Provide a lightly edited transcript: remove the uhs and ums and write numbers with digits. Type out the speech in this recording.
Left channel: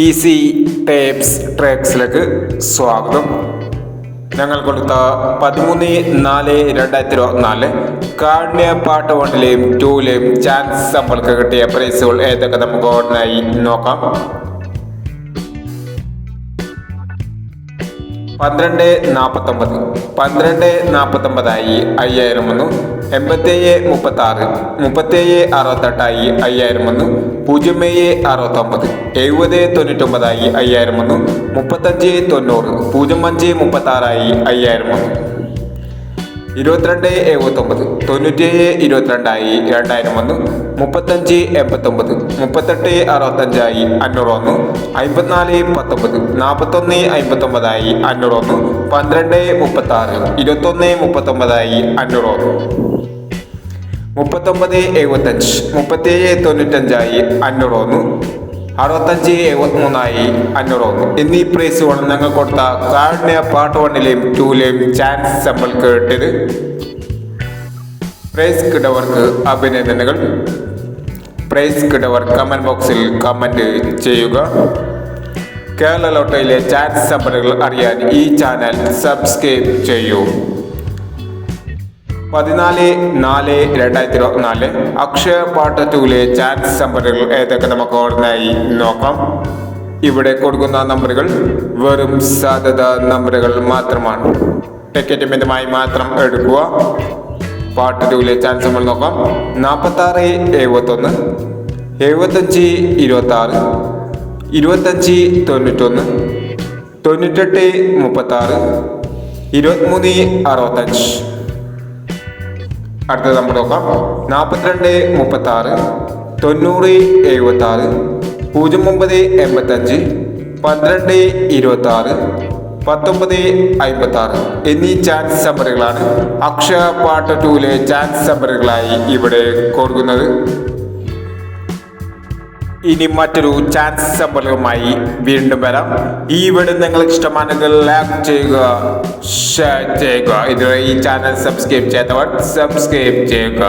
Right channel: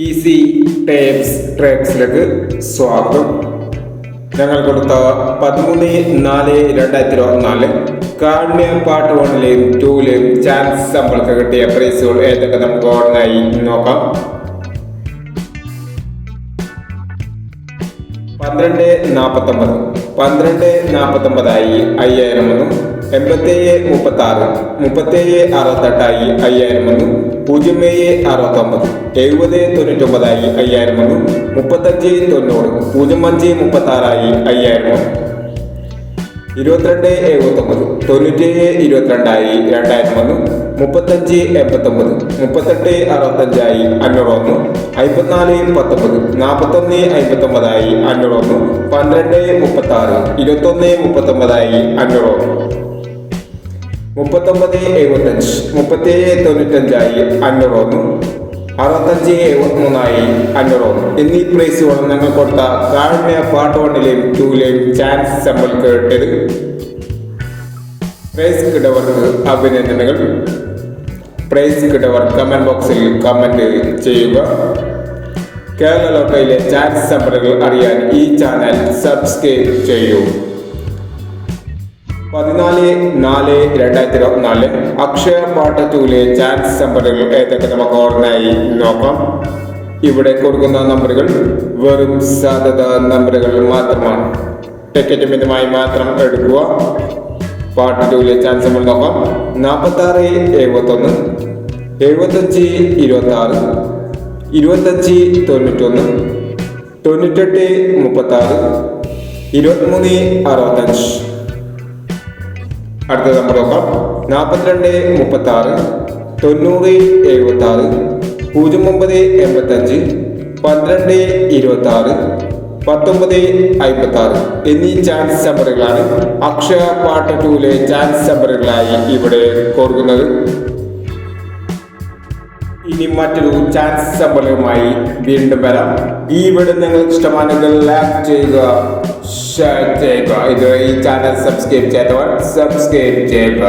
Easy tapes ട്രാക്സിലേക്ക് സ്വാഗതം. ഞങ്ങൾ കൊടുത്ത 13/4/2024 കാരുണ്യ പാർട്ട് 1-ലെയും 2-ലെയും ചാൻസ് നമ്മൾക്ക് കിട്ടിയ പ്രൈസുകൾ ഏതൊക്കെ നമുക്ക് ഓർമ്മയായി നോക്കാം. 1249 5000 വന്നു. 8736 6768 5000 വന്നു. 0769 7099 5000 വന്നു. 3590 0536 5000 വന്നു. 2279 9722 2000 വന്നു. 3589 3865 500 വന്നു. 5419 4159 500 വന്നു. 1236 2139 500 വന്നു. 3975 3795 500 വന്നു. 6573 500 വന്നു. എന്നീ പ്രൈസുകൾ ഞങ്ങൾ കൊടുത്ത കാരുണ്യ പാർട്ട് 1-ലെയും 2-ലെയും ചാൻസ് നമ്മൾക്ക് കിട്ടിയത്. പ്രൈസ് കിട്ടവർക്ക് അഭിനന്ദനങ്ങൾ. പ്രൈസ് കിട്ടവർ കമന്റ് ബോക്സിൽ കമന്റ് ചെയ്യുക. കേരള ലോട്ടറിയിലെ ചാൻസ് നമ്പറുകൾ അറിയാൻ ഈ ചാനൽ സബ്സ്ക്രൈബ് ചെയ്യൂ. 14/4/2024 അക്ഷയ പാർട്ട് 2-ലെ ചാൻസ് നമ്പറുകൾ ഏതൊക്കെ നമുക്ക് ഓർമ്മയായി നോക്കാം. ഇവിടെ കൊടുക്കുന്ന നമ്പറുകൾ വെറും സാധ്യത നമ്പറുകൾ മാത്രമാണ്. ടിക്കറ്റ് മിതമായി മാത്രം എടുക്കുക. പാർട്ട് 2-ലെ ചാൻസ് നമ്പർ നോക്കാം. 4671 7526 2591 9836 2365. അടുത്ത നമ്പർ നോക്കാം. 4236 9076 0985 1226 1956 എന്നീ ചാൻസ് നമ്പറുകളാണ് അക്ഷയ പാർട്ട് 2-ലെ ചാൻസ് നമ്പറുകളായി ഇവിടെ കൊടുക്കുന്നത്. ഇനി മറ്റൊരു ചാൻസ് നമ്പറുമായി വീണ്ടും വരാം. ഈ വീഡിയോ നിങ്ങൾക്ക് ഇഷ്ടമാണെങ്കിൽ ലൈക്ക് ചെയ്യുക, ഷെയർ ചെയ്യുക. ഇതുവരെ ഈ ചാനൽ സബ്സ്ക്രൈബ് ചെയ്തവർ സബ്സ്ക്രൈബ് ചെയ്യുക.